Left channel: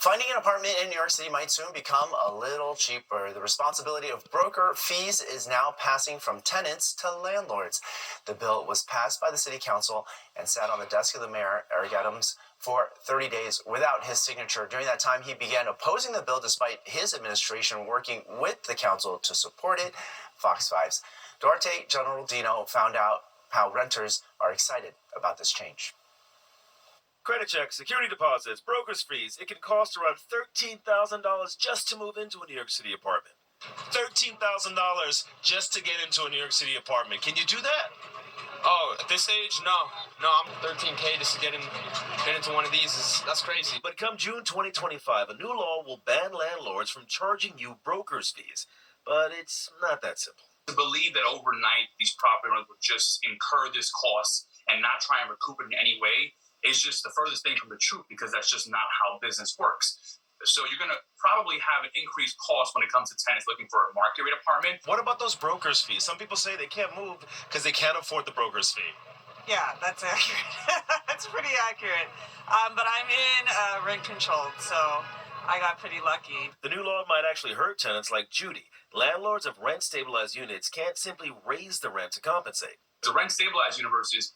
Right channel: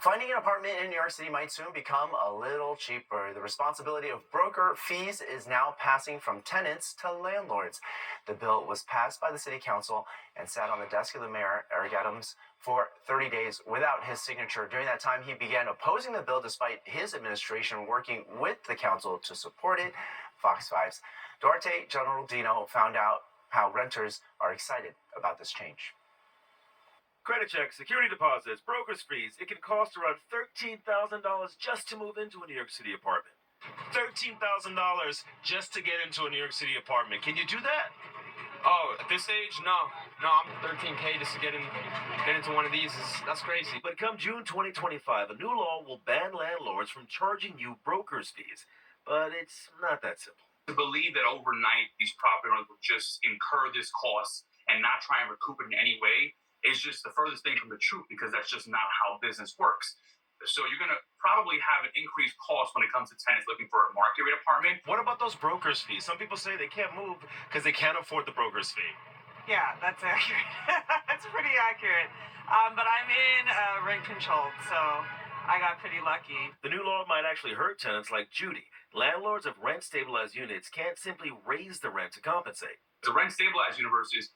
Finding an apartment in New York City might soon become a little cheaper. The responsibility of broker fees is now passing from tenants to landlords. The bill was passed by the city council and sat on the desk of the mayor, Eric Adams, for 30 days without his signature. During that time, he began opposing the bill despite his administration working with the council to support it. Fox 5's Duarte Generaldino found out how renters are excited about this change. Credit checks, security deposits, broker's fees. It can cost around $13,000 just to move into a New York City apartment. $13,000 just to get into a New York City apartment. Can you do that? Oh, at this age, no. I'm $13K just to get into one of these. That's crazy. But come June 2025, a new law will ban landlords from charging you broker's fees. But it's not that simple. To believe that overnight these property owners would just incur this cost and not try and recoup it in any way is just the furthest thing from the truth, because that's just not how business works. So you're going to probably have an increased cost when it comes to tenants looking for a market rate apartment. What about those broker's fees? Some people say they can't move because they can't afford the broker's fee. Yeah, that's accurate. That's pretty accurate. But I'm in rent controlled, so I got pretty lucky. The new law might actually hurt tenants like Judy. Landlords of rent-stabilized units can't simply raise the rent to compensate. The rent-stabilized universe is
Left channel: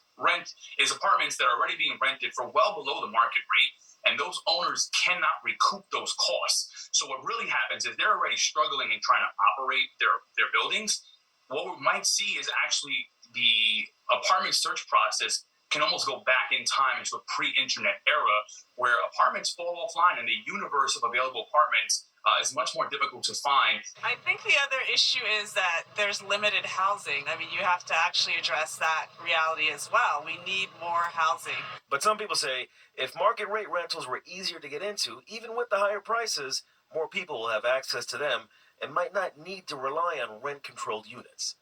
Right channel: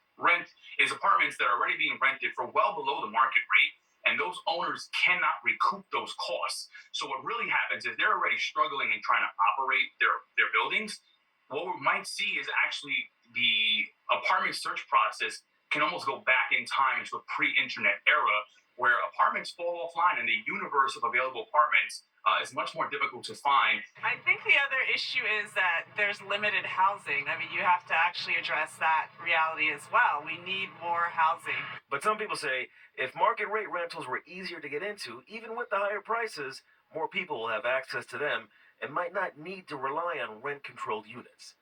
apartments that are already being rented for well below the market rate, and those owners cannot recoup those costs. So what really happens is they're already struggling and trying to operate their buildings. What we might see is actually the apartment search process can almost go back in time into a pre-internet era where apartments fall offline and the universe of available apartments is much more difficult to find. I think the other issue is that there's limited housing. I mean, you have to actually address that reality as well. We need more housing. But some people say if market rate rentals were easier to get into, even with the higher prices, more people will have access to them and might not need to rely on rent-controlled units.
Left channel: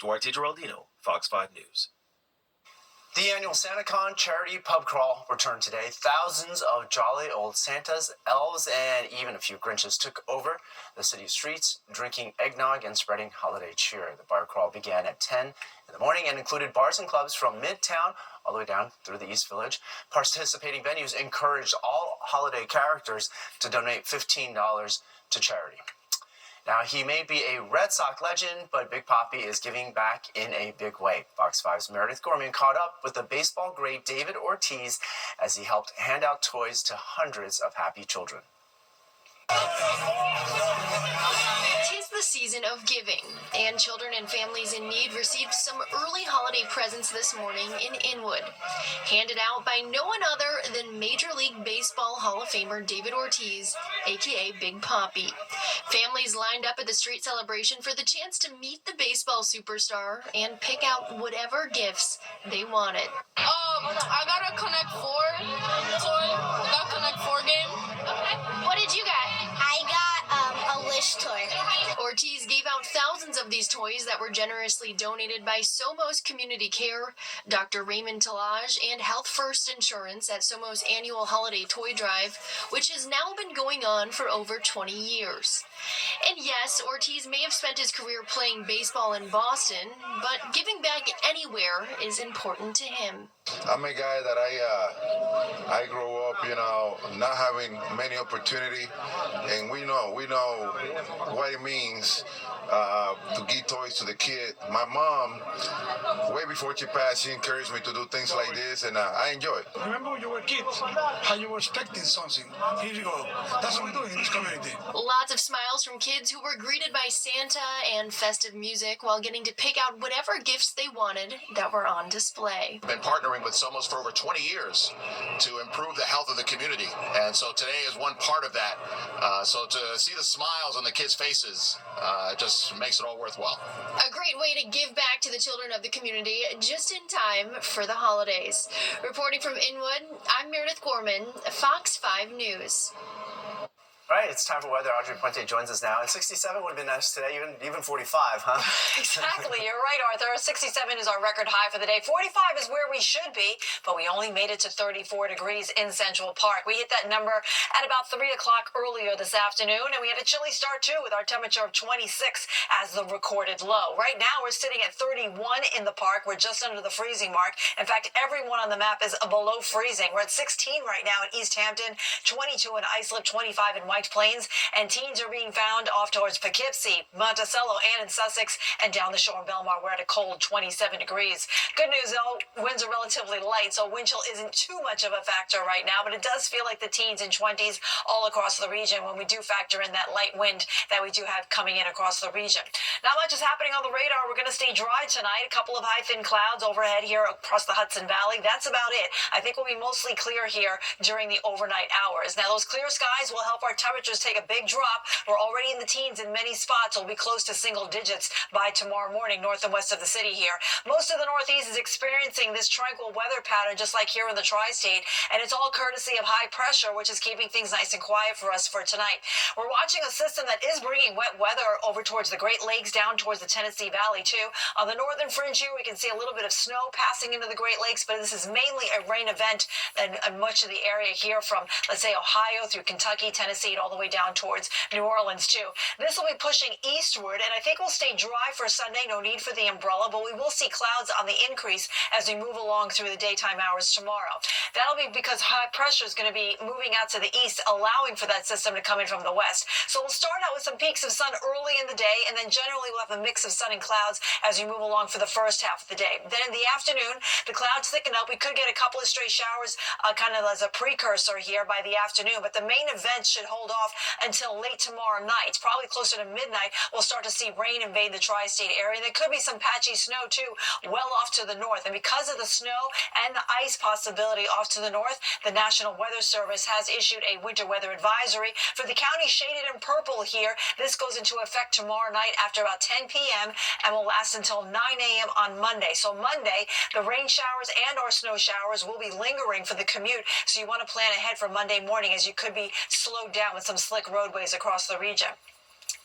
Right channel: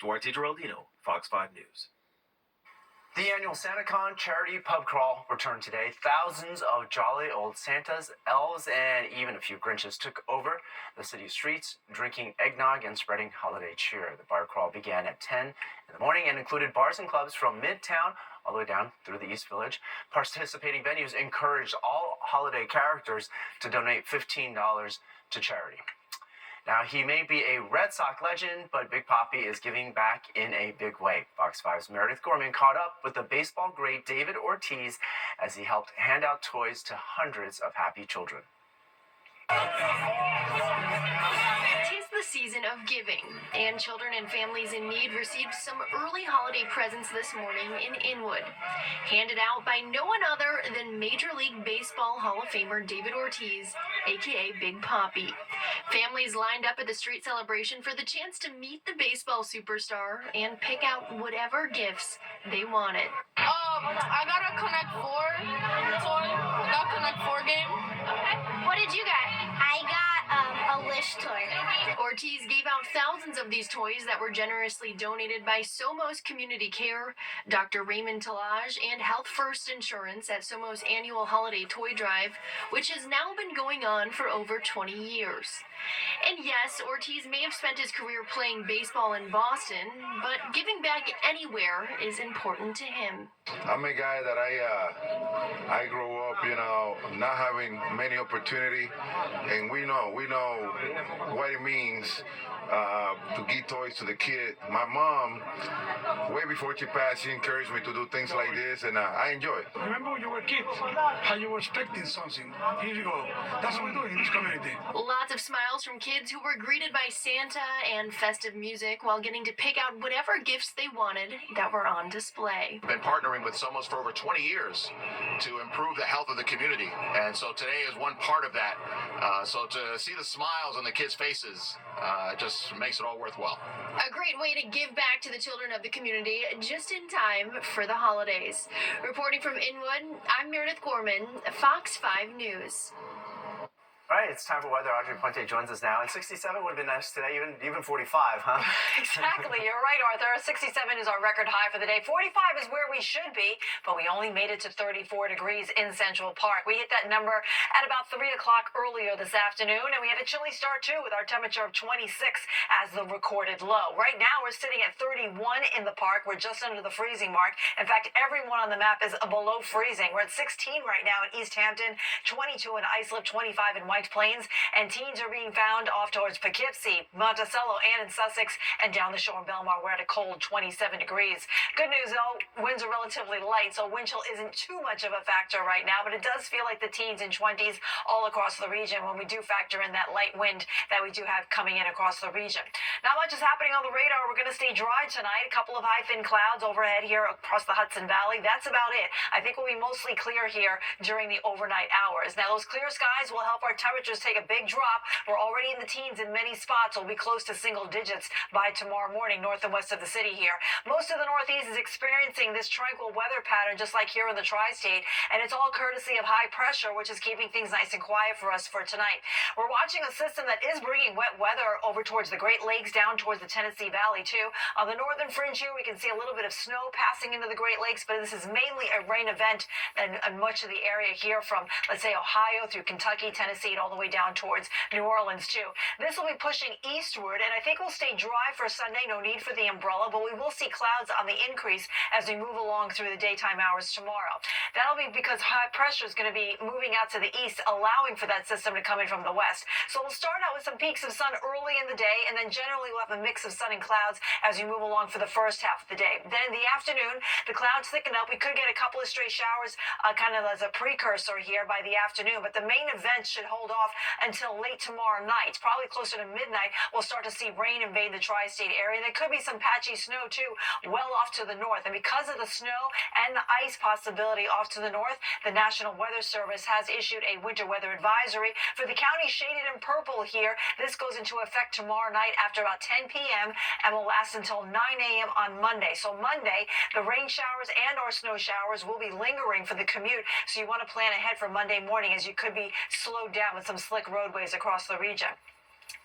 Duarte Geraldino, Fox 5 News. The annual SantaCon charity pub crawl returned today. Thousands of jolly old Santas, elves, and even a few Grinches took over the city streets, drinking eggnog and spreading holiday cheer. The bar crawl began at 10 in the morning and included bars and clubs from Midtown all the way down through the East Village. Participating venues encouraged all holiday characters to donate $15 to charity. Now, he may be a Red Sox legend, but Big Papi is giving back in a big way. Fox 5's Meredith Gorman caught up with the baseball great David Ortiz as he helped hand out toys to hundreds of happy children. Tis the season of giving, and children and families in need received some early holiday presents this morning in Inwood, handed out by no one other than Major League Baseball Hall of Famer David Ortiz, aka Big Papi. Families lined up at the street celebration for the chance to meet the baseball superstar and pick out whatever gifts they wanted. I got a Connect 4 toy. I got Connect 4 game. Okay. What did you get? I got a Wish toy. Ortiz gave out thousands of these toys that were generously donated by Somos Community Care, Dr. Raymond Talaj, and Health First Insurance at Somos' annual holiday toy drive, which has now been going on for over 20 years. And yes, Ortiz may have spent his career playing baseball in Boston, but giving back anywhere is important to him. I'm a guy that I grew up, not having many opportunity, and we know what it means to give toys to the kid. My mom, way before she passed, she encouraged me to do things like this, and I enjoy it. Remember when you were kids, how you were expecting something. Here you go. That's what we do in this community. Lots of smiles from kids who were greeted by Santa and festive music while getting to pick out whatever gifts they wanted that were on display. Been partnering with Somos for over 20 years to improve the health of the community, and so today is one part of that. So to see the smiles on the kids' faces just makes it all worthwhile. A great way to give back to the children of the community just in time for the holidays. Reporting from Inwood, I'm Meredith Gorman, Fox 5 News. All right. right, it's time for weather. Audrey Puente joins us now. And 67 would have been nice today, even 45, huh? Exactly. You're right, Arthur. 67 is our record high for the day. 45 is where we should be, but we only made it to 34 degrees in Central Park. We hit that number at about 3 o'clock earlier this afternoon, and we had a chilly start, too, with our temperature of 26 as the recorded low. Right now, we're sitting at 31 in the park. We're just under the freezing mark. In fact, everyone on the map is below freezing. We're at 16 right now in East Hampton, 22 in Islip, 25 in White Plains, and teens are being found off towards Poughkeepsie, Monticello, and in Sussex, and down the shore in Belmar, we're at a cold 27 degrees. Good news, though, winds are relatively light, so wind chill isn't too much of a factor right now, but it does feel like the teens and 20s all across the region when we do factor in that light wind that we do have coming in across the region. Not much is happening on the radar. We're going to stay dry tonight. A couple of high, thin clouds overhead here across the Hudson Valley. That's about it. I think we'll be mostly clear here during the overnight hours. Now, those clear skies will help our temperatures take a big drop. We're already in the teens in many spots. We'll be close to single digits by tomorrow morning, north and west of the city here. Most of the Northeast is experiencing this tranquil weather pattern, just like here in the tri-state, and it's all courtesy of high pressure, which is keeping things nice and quiet for us for tonight. We're watching a system that is bringing wet weather over towards the Great Lakes, down towards the Tennessee Valley, too. On the northern fringe here, we can see a little bit of snow passing into the Great Lakes, but this is mainly a rain event in much of the area here from, let's say, Ohio through Kentucky, Tennessee, and all the way down towards New Orleans, too. This will be pushing eastward, and I think we'll stay dry for Sunday. No need for the umbrella, but we will see clouds on the increase as we move along through the daytime hours tomorrow. That'll be because high pressure is going to be moving out to the east, allowing for that system to come in from the west. So we'll start out with some peaks of sun early in the day, and then generally we'll have a mix of sun and clouds as we move along for the first half of the day. Then in the afternoon, the clouds thicken up. We could get a couple of stray showers kind of as a precursor here by the afternoon, but the main event should hold off until late tomorrow night. Probably closer to midnight, we'll start to see rain invade the tri-state area. And there could be some patchy snow, too, well off to the north. And because of the snow and the ice possibility off to the north, the National Weather Service has issued a winter weather advisory for the county shaded in purple here. This goes into effect tomorrow night after about 10 p.m. and will last until 9 a.m. on Monday. So Monday, the rain showers and or snow showers will be lingering for the commute. So you want to plan ahead for Monday morning, as you could be slowed down with some slick roadways across the region.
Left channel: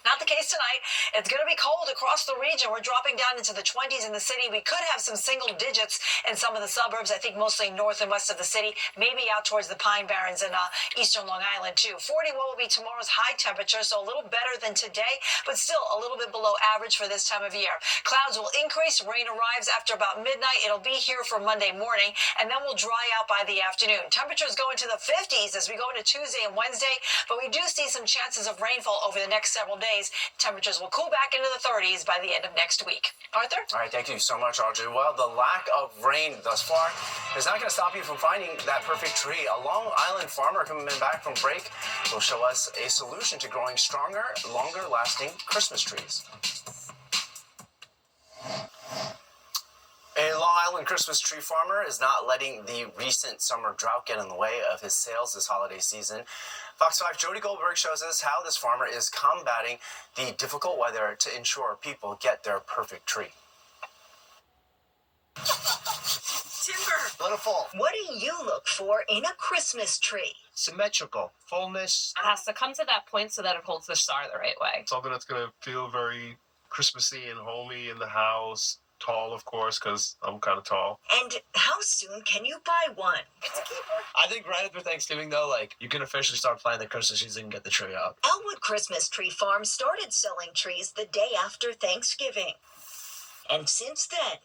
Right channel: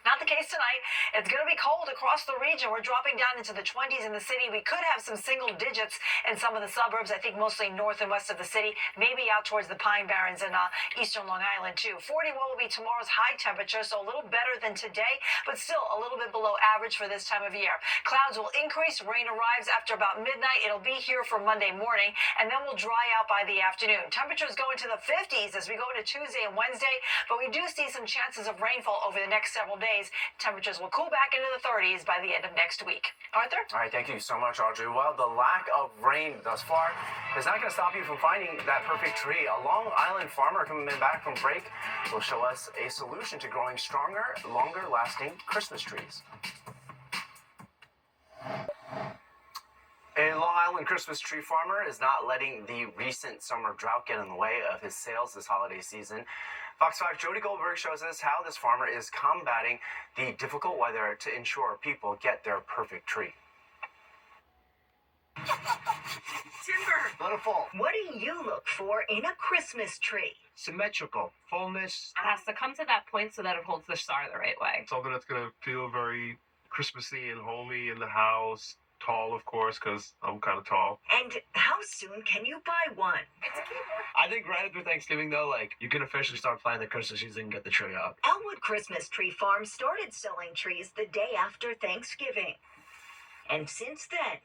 Not the case tonight. It's going to be cold across the region. We're dropping down into the 20s in the city. We could have some single digits in some of the suburbs, I think mostly north and west of the city, maybe out towards the Pine Barrens and eastern Long Island, too. 41 will be tomorrow's high temperature, so a little better than today, but still a little bit below average for this time of year. Clouds will increase. Rain arrives after about midnight. It'll be here for Monday morning, and then we'll dry out by the afternoon. Temperatures go into the 50s as we go into Tuesday and Wednesday, but we do see some chances of rainfall over the next several days. Temperatures will cool back into the 30s by the end of next week. Arthur? All right, thank you so much, Audrey. Well, the lack of rain thus far is not going to stop you from finding that perfect tree. A Long Island farmer coming back from break will show us a solution to growing stronger, longer-lasting Christmas trees. A Long Island Christmas tree farmer is not letting the recent summer drought get in the way of his sales this holiday season. Fox 5 Jody Goldberg shows us how this farmer is combating the difficult weather to ensure people get their perfect tree. Timber, Let it fall. what do you look for in a Christmas tree? Symmetrical, fullness. It has to come to that point so that it holds the star the right way. Something that's going to feel very Christmassy and homey in the house. Tall, of course, because I'm kind of tall. And how soon can you buy one? I think right after Thanksgiving, though, you can officially start planning the Christmas season and get the tree up. Elwood Christmas Tree Farm started selling trees the day after Thanksgiving. And since then,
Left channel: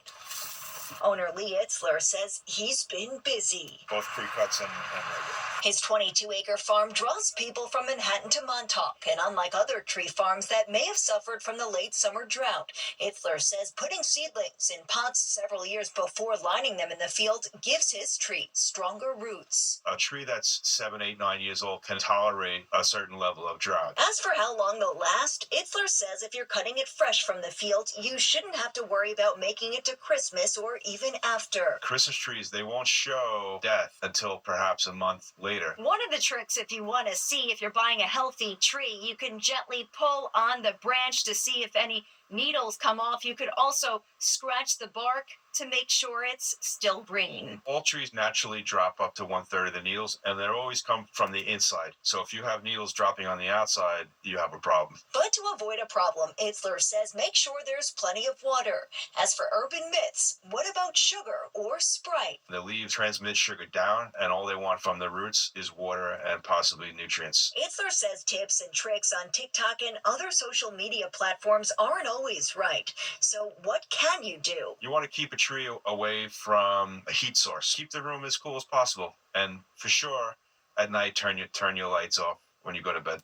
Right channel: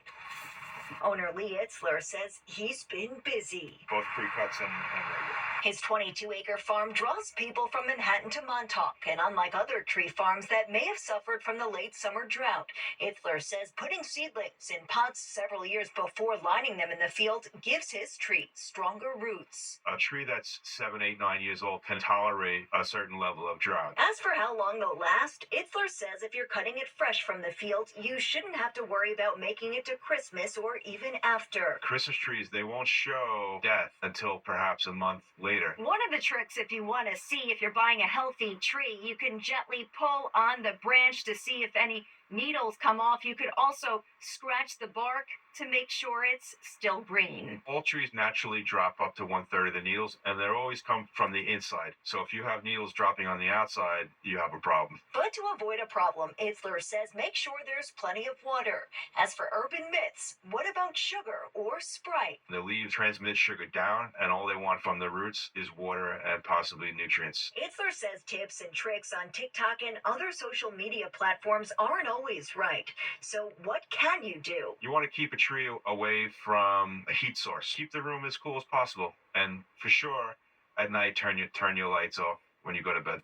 owner Lee Itzler says he's been busy. Both pre-cuts and regular. His 22-acre farm draws people from Manhattan to Montauk, and unlike other tree farms that may have suffered from the late summer drought, Itzler says putting seedlings in pots several years before lining them in the field gives his tree stronger roots. A tree that's 7, 8, 9 years old can tolerate a certain level of drought. As for how long they'll last, Itzler says if you're cutting it fresh from the field, you shouldn't have to worry about making it to Christmas or even after. Christmas trees, they won't show death until perhaps a month later. One of the tricks, if you want to see if you're buying a healthy tree, you can gently pull on the branch to see if any needles come off, you could also scratch the bark to make sure it's still green. All trees naturally drop up to 1/3 of the needles, and they always come from the inside. So if you have needles dropping on the outside, you have a problem. But to avoid a problem, Itzler says make sure there's plenty of water. As for urban myths, what about sugar or Sprite? The leaves transmit sugar down, and all they want from the roots is water and possibly nutrients. Itzler says tips and tricks on TikTok and other social media platforms aren't always right. So what can you do? You want to keep a tree away from a heat source. Keep the room as cool as possible, and for sure, at night turn your lights off when you go to bed.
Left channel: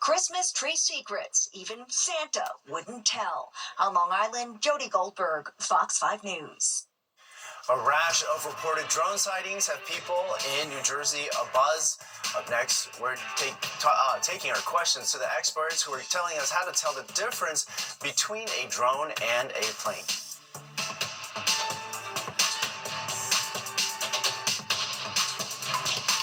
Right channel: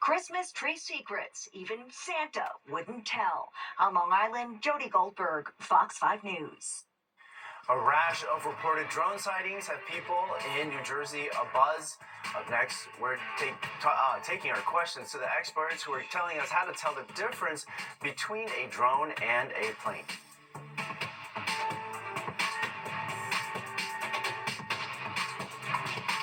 Christmas tree secrets even Santa wouldn't tell. On Long Island, Jody Goldberg, Fox 5 News. A rash of reported drone sightings have people in New Jersey abuzz. Up next, we're taking our questions to the experts who are telling us how to tell the difference between a drone and a plane.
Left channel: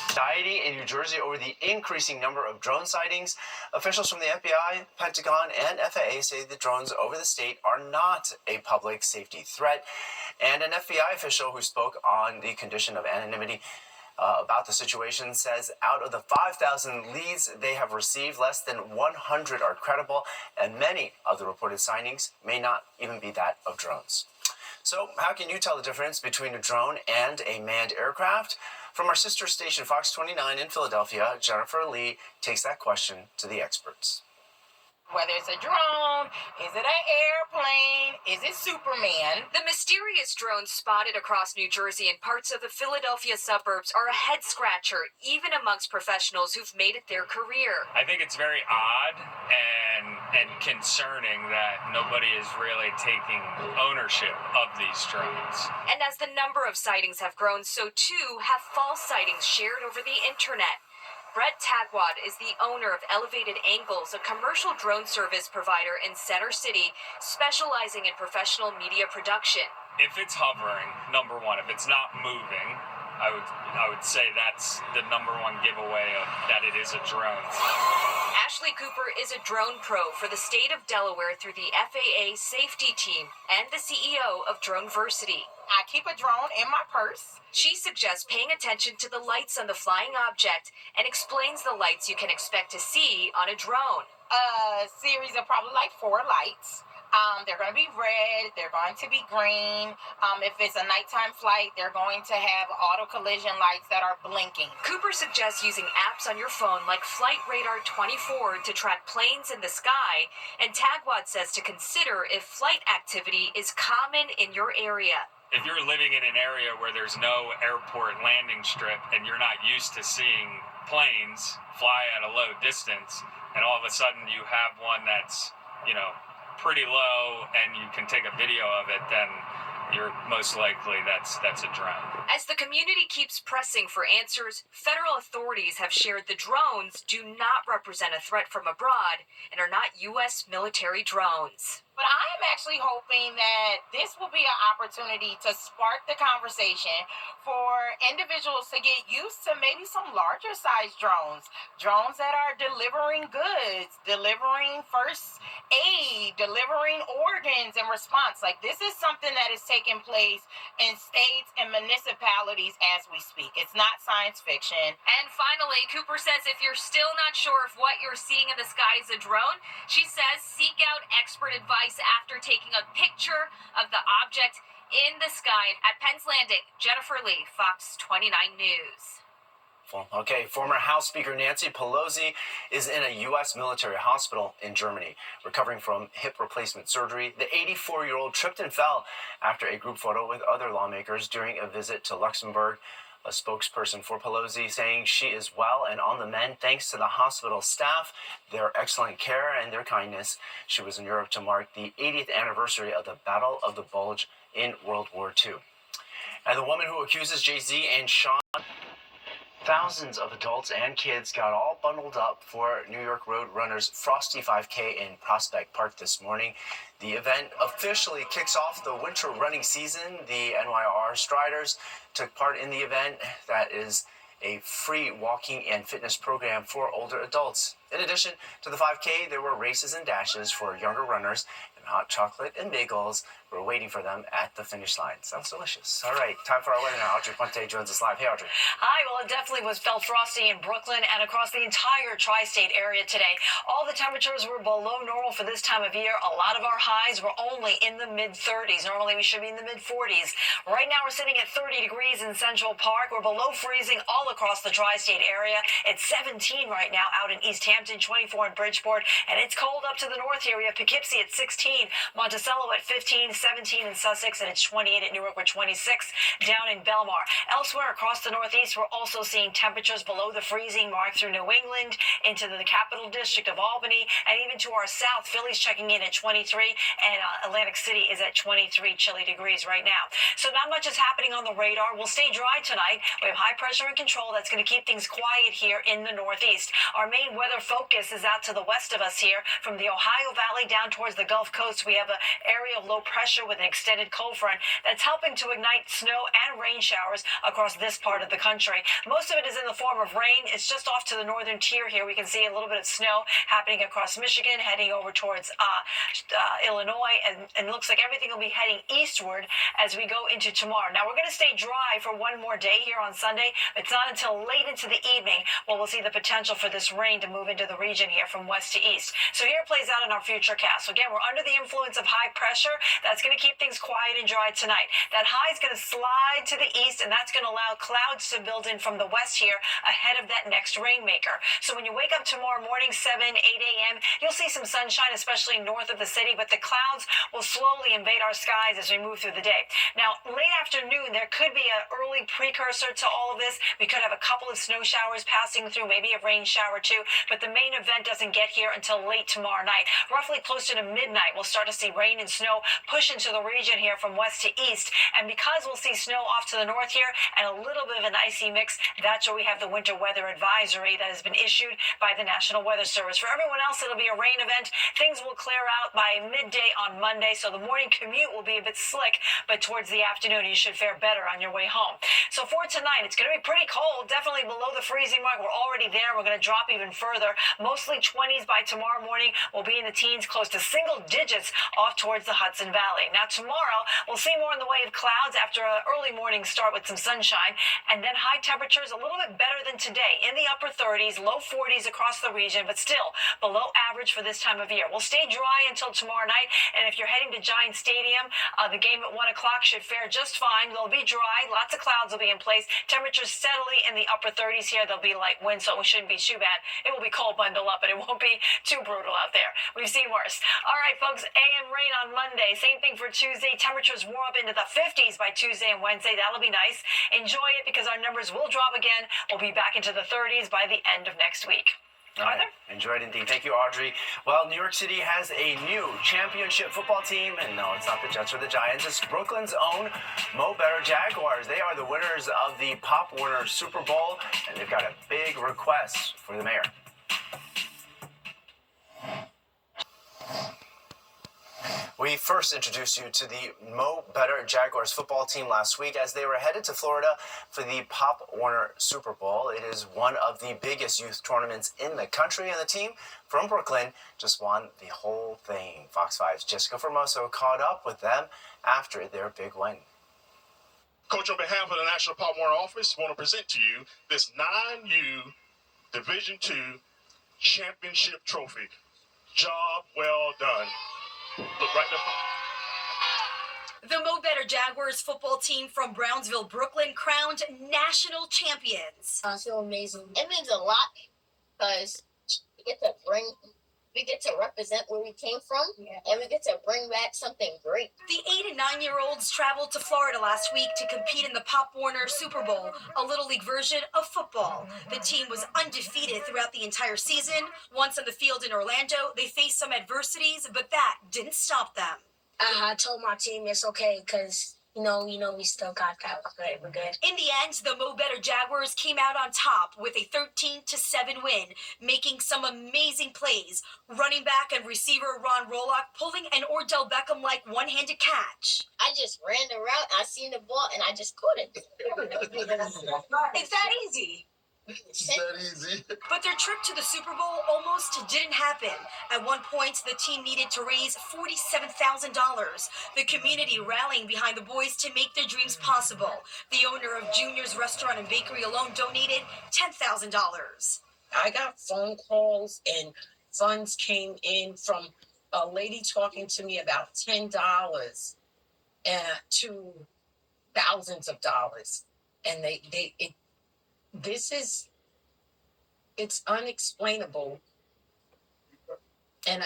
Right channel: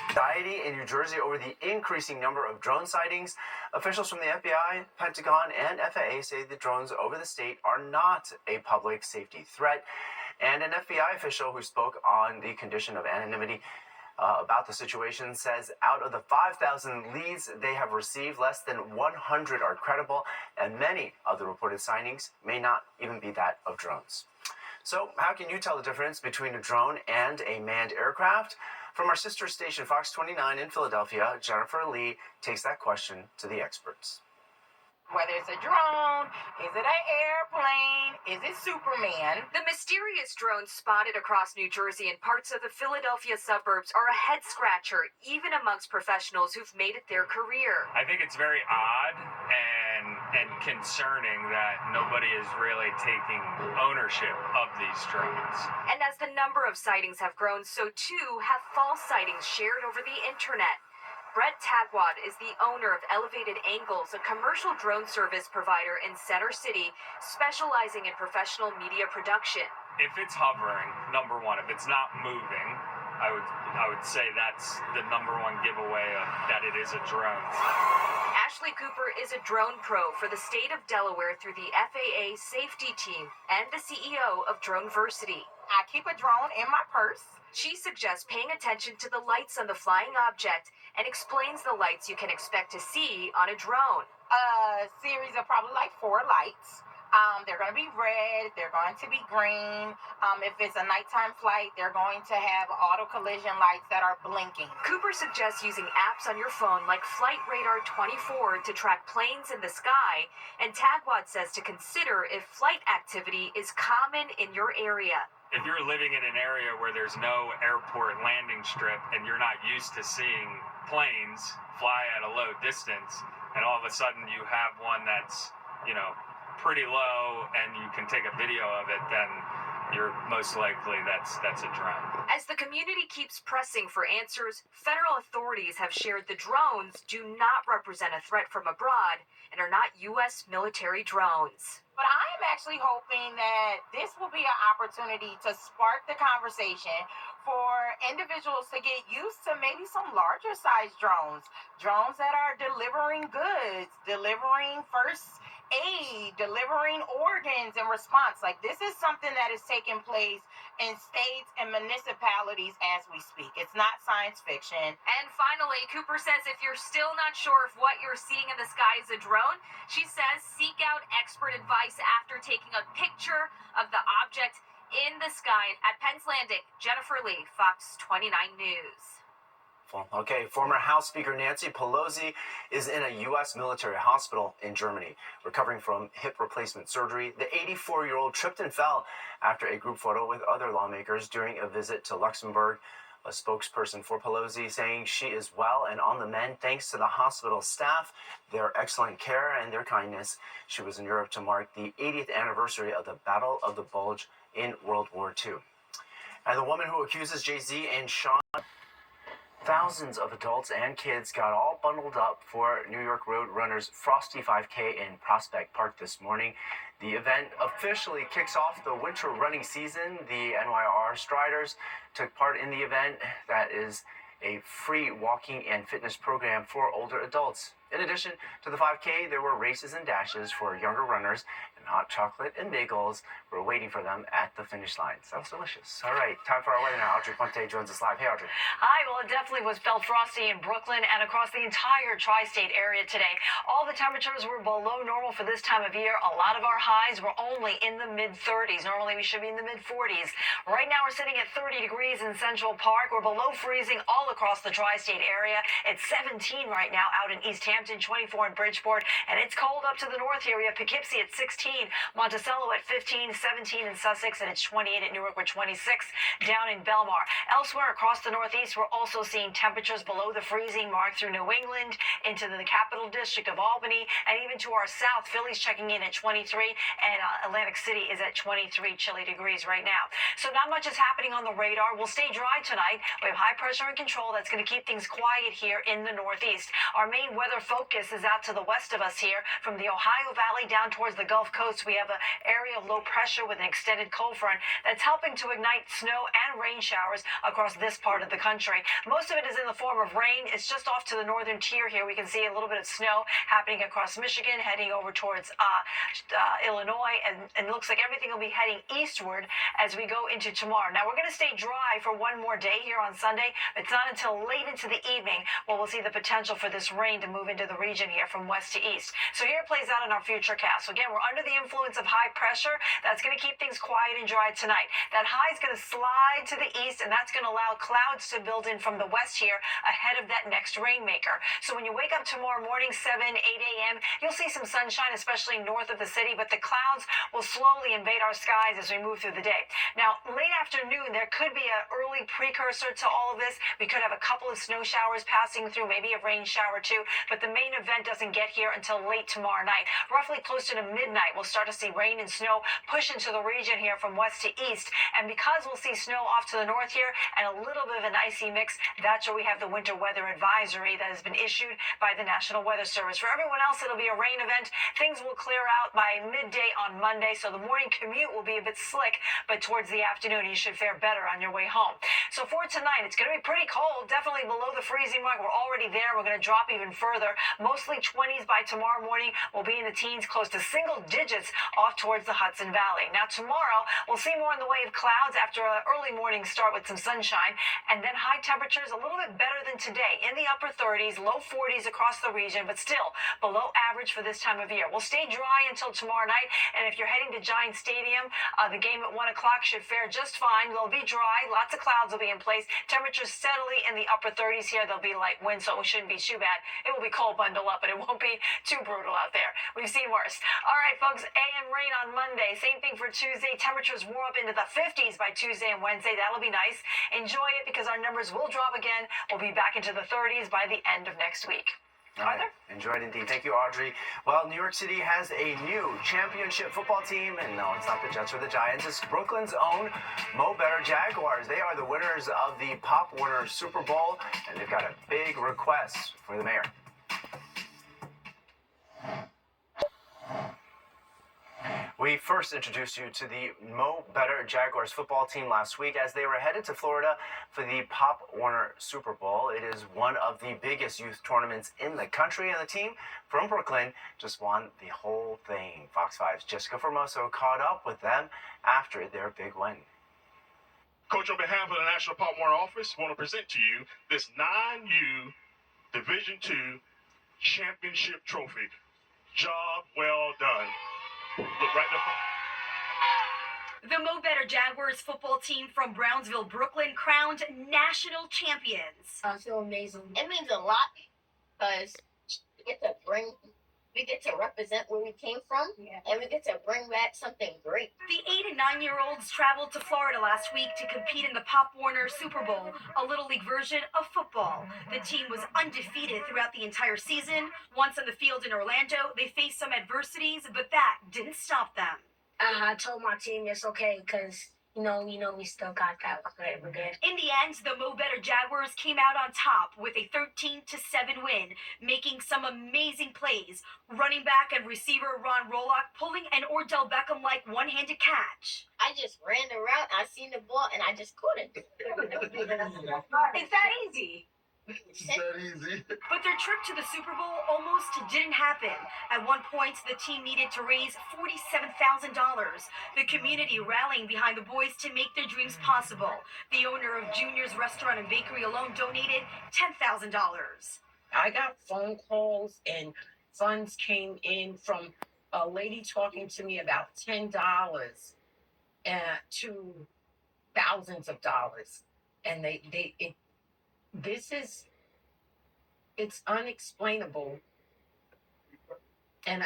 Anxiety in New Jersey over the increasing number of drone sightings. Officials from the FBI, Pentagon, and FAA say the drones over the state are not a public safety threat. And an FBI official who spoke on the condition of anonymity about the situation says out of the 5,000 leads they have received, less than 100 are credible, and many of the reported sightings may not even be that of drones. So how can you tell the difference between a drone and a manned aircraft? From our sister station, Fox 29 in Philadelphia, Jennifer Lee takes that question to the experts. Whether it's a drone, is it an airplane, is it Superman? The mysterious drones spotted across New Jersey and parts of the Philadelphia suburbs are a head-scratcher, even amongst professionals who've made it their career. I think it's very odd and concerning that nobody is really taking ownership of these drones. And as the number of sightings have grown, so too have false sightings shared over the internet. Brett Tagwad is the owner of Elevated Angles, a commercial drone service provider in Center City, specializing in professional media production. If it's hovering, number one, if it's not moving, I would say that's the number one giveaway of that it is a drone. Ashley Cooper is a drone pro for the state of Delaware through the FAA safety team and the CEO of Droneversity. I keep a drone in my purse. She suggests paying attention to the lights on the flying object and explains the lights you can expect to see on a drone. A series of probably like 4 lights. They're going to be red, they're going to be green. If it's a nighttime flight, they're going to have auto collision lights that are blinking. Cooper suggests using apps on your phone like Flight Radar 24 to track planes in the sky, and Tagwad says to consider if flight activity is common in your area. If you're living in an area where there's no airport landing strip and you're not used to seeing planes fly at a low distance, and all of a sudden you have one that's, pretty low and you can take a video of it, then you're most likely that's a drone. As the community keeps pressing for answers, federal authorities have shared the drones do not represent a threat from abroad and are not U.S. military drones. But I am actually hoping that this will be an opportunity to spark the conversation for individuals to get used to maybe some larger size drones that are delivering goods, delivering first aid, delivering organs in response. Like, this is something that is taking place in states and municipalities as we speak. It's not science fiction. And finally, Cooper says if you're still not sure if what you're seeing in the sky is a drone, she says seek out expert advice after taking a picture of the object in the sky. At Penn's Landing, Jennifer Lee, Fox 29 News. Okay, former House Speaker Nancy Pelosi is in a U.S. military hospital in Germany, recovering from hip replacement surgery. The 84-year-old tripped and fell after a group photo with other lawmakers during a visit to Luxembourg. A spokesperson for Pelosi saying she is well and on the mend thanks to the hospital staff, their excellent care, and their kindness. She was in Europe to mark the 80th anniversary of the Battle of the Bulge in World War II. And the woman who accuses Jay-Z and Sean... Thousands of adults and kids got all bundled up for New York Road Runners Frosty 5K in Prospect Park this morning. The event officially kicks off the winter running season. The NYR Striders took part in the event that is a free walking and fitness program for older adults. In addition to the 5K, there were races and dashes for younger runners, and hot chocolate and bagels were waiting for them at the finish line. Sounds delicious. All right, time for our weather now. Audrey Puente joins us live. Hey, Audrey. Hi, well, it definitely felt frosty in Brooklyn and across the entire tri-state area today. All the temperatures were below normal for this time of year. A lot of our highs were only in the mid-30s. Normally, we should be in the mid-40s. Right now, we're sitting at 30 degrees in Central Park. We're below freezing all across the tri-state area. It's 17 right now out in East Hampton, 24 in Bridgeport, and it's cold up to the north here. We have Poughkeepsie at 16, Monticello at 15, 17 in Sussex, and it's 28 at Newark with 26 down in Belmar. Elsewhere across the northeast, we're also seeing temperatures below the freezing mark through New England, into the capital district of Albany, and even to our south. Philly's checking in at 23, and Atlantic City is at 23 chilly degrees right now. So not much is happening on the radar. We'll stay dry tonight. We have high pressure in control. That's going to keep things quiet here in the northeast. Our main weather focus is out to the west of us here. From the Ohio Valley down towards the Gulf Coast, we have an area of low pressure with an extended cold front that's helping to ignite snow and rain showers across this part of the country. Most of it is in the form of rain. It's just off to the northern tier here. We can see a little bit of snow happening across Michigan, heading over towards Illinois, and it looks like everything will be heading eastward as we go into tomorrow. Now, we're going to stay dry for one more day here on Sunday. It's not until late into the evening where we'll see the potential for this rain to move into the region here from west to east. So here it plays out in our future cast. So again, we're under the influence of high pressure. That's going to keep things quiet and dry tonight. That high is going to slide to the east, and that's going to allow clouds to build in from the west here ahead of that next rainmaker. So when you wake up tomorrow morning, 7, 8 a.m., you'll see some sunshine, especially north of the city, but the clouds will slowly invade our skies as we move through the day. Now, late afternoon, there could be an early precursor to all of this. We could have a couple of snow showers passing through, maybe a rain shower too, but the main event doesn't get here until late tomorrow night. Roughly closer to midnight, we'll start to see rain and snow push into the region here from west to east, and because we'll see snow off to the north here and a little bit of an icy mix, that's where we have the winter weather advisory that has been issued by the National Weather Service. For everyone else, it'll be a rain event. Things will clear out by midday on Monday, so the morning commute will be a bit slick, but towards the afternoon, you should fare better on your way home. So for tonight, it's going to be pretty cold, definitely below the freezing mark. We're already there. We're going to drop even further. Mostly 20s by tomorrow morning. We'll be in the teens, close to single digits off towards the Hudson Valley. Now tomorrow, we'll see more in the way of clouds after an early morning start with some sunshine, and then high temperatures a little bit better than today, in the upper 30s, low 40s across the region, but still below average for this time of year. We'll stay dry until tomorrow night, and if you're heading to Giant Stadium, the game at 1 o'clock should fare just fine. They'll be dry. Lots of clouds will be in place. Temperatures steadily in the upper 30s here. There'll be light wind, so it shouldn't be too bad. It will be cold, bundle up, but it won't be too brutal out there. We've seen worse. All right, folks, AM rain on Monday. Same thing for Tuesday. Temperatures warm up into the 50s by Tuesday and Wednesday. That'll be nice. Enjoy it because our numbers will drop again. We'll be back into the 30s by the end of next week. Right. Enjoy it indeed. Thank you, Audrey. Well, New York City has a new championship football team, and no, it's not the Jets or the Giants. It's Brooklyn's own Mo Better Jaguars. They are the winners of the Pop Warner Super Bowl, and they've got a big request for the mayor. We first introduced you to the Mo Better Jaguars football team last week as they were headed to Florida for the Pop Warner Super Bowl. It is one of the biggest youth tournaments in the country, and the team from Brooklyn just won the whole thing. Fox 5's Jessica Formoso caught up with them after their big win. Coach, on behalf of the National Pop Warner office, I want to present to you this 9U Division II championship trophy. Job well done. Look right there. The Mo Better Jaguars football team from Brownsville, Brooklyn, crowned national champions. So amazing. It means a lot because we get to represent where we came from, and we get to bring back something great. The 8 and 9-year-olds traveled to Florida last week to compete in the Pop Warner Super Bowl, a Little League version of football. The team was undefeated throughout the entire season. Once on the field in Orlando, they faced some adversities, but that didn't stop them. I told my team it's okay because we still got that. We're good. In the end, the Mo Better Jaguars came out on top with a 13-7 win, making some amazing plays. Running back and receiver Ron Rolock pulling an Odell Beckham-like one-handed catch. I just ran the route, I seen the ball, and I just caught it. It's that easy. It's that easy. But their trip to the Super Bowl almost didn't happen. At one point, the team needed to raise $47,000. The community rallying behind the boys to make their dreams possible. The owner of Junior's Restaurant and Bakery alone donated $10,000. I got phone calls and funds came in from a lady talking to me about $10 to thousands of dollars. And it's unexplainable. And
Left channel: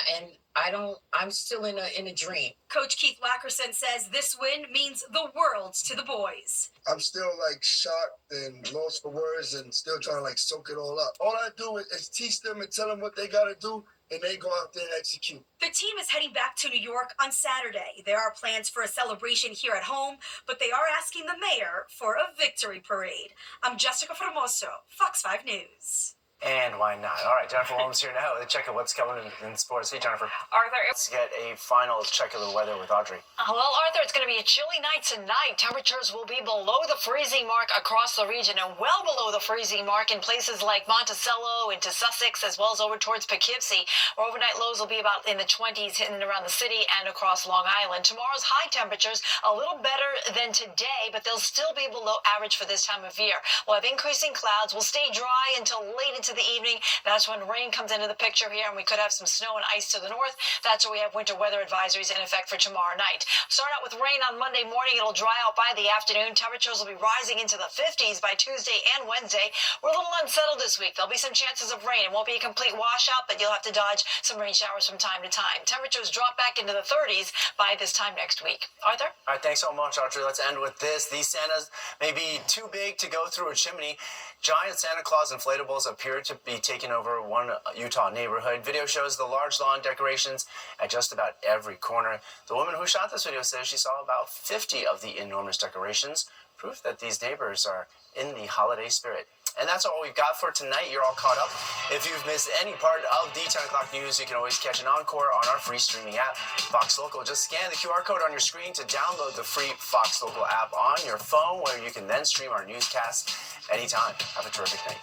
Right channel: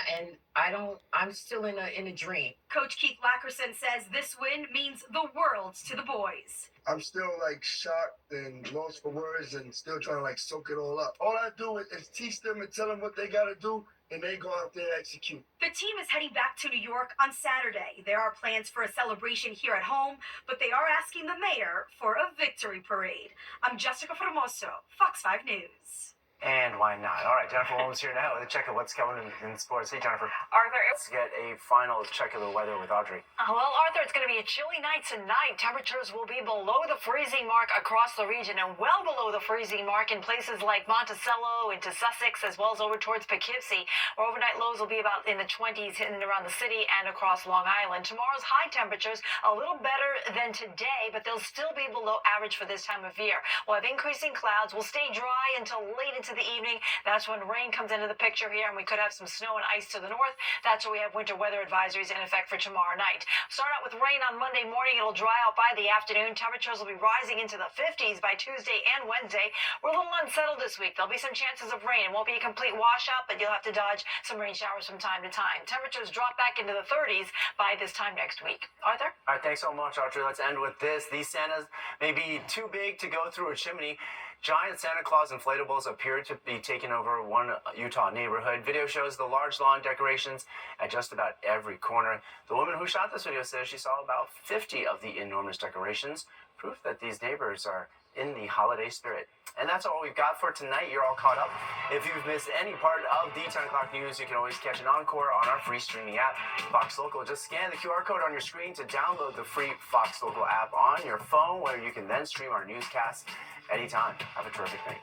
I'm still in a dream. Coach Keith Lackerson says this win means the world to the boys. I'm still like shocked and lost for words and still trying to like soak it all up. All I do is teach them and tell them what they got to do, and they go out there and execute. The team is heading back to New York on Saturday. There are plans for a celebration here at home, but they are asking the mayor for a victory parade. I'm Jessica Formoso, Fox 5 News. And why not? All right, Jennifer Williams here now with a check of what's coming in sports. Hey, Jennifer. Arthur. Let's get a final check of the weather with Audrey. Well, Arthur, it's going to be a chilly night tonight. Temperatures will be below the freezing mark across the region and well below the freezing mark in places like Monticello, into Sussex, as well as over towards Poughkeepsie, where overnight lows will be about in the 20s in and around the city and across Long Island. Tomorrow's high temperatures a little better than today, but they'll still be below average for this time of year. We'll have increasing clouds. We'll stay dry until late into the evening. That's when rain comes into the picture here, and we could have some snow and ice to the north. That's where we have winter weather advisories in effect for tomorrow night. Start out with rain on Monday morning. It'll dry out by the afternoon. Temperatures will be rising into the 50s by Tuesday and Wednesday. We're a little unsettled this week. There'll be some chances of rain. It won't be a complete washout, but you'll have to dodge some rain showers from time to time. Temperatures drop back into the 30s by this time next week. Arthur? All right, thanks so much, Audrey. Let's end with this. These Santas may be too big to go through a chimney. Giant Santa Claus inflatables appear to be taking over one Utah neighborhood. Video shows the large lawn decorations at just about every corner. The woman who shot this video says she saw about 50 of the enormous decorations, proof that these neighbors are in the holiday spirit. And that's all we've got for tonight. You're all caught up. If you've missed any part of the 10 o'clock news, you can always catch an encore on our free streaming app, Fox Local. Just scan the QR code on your screen to download the free Fox Local app on your phone, where you can then stream our newscasts anytime. Have a terrific night.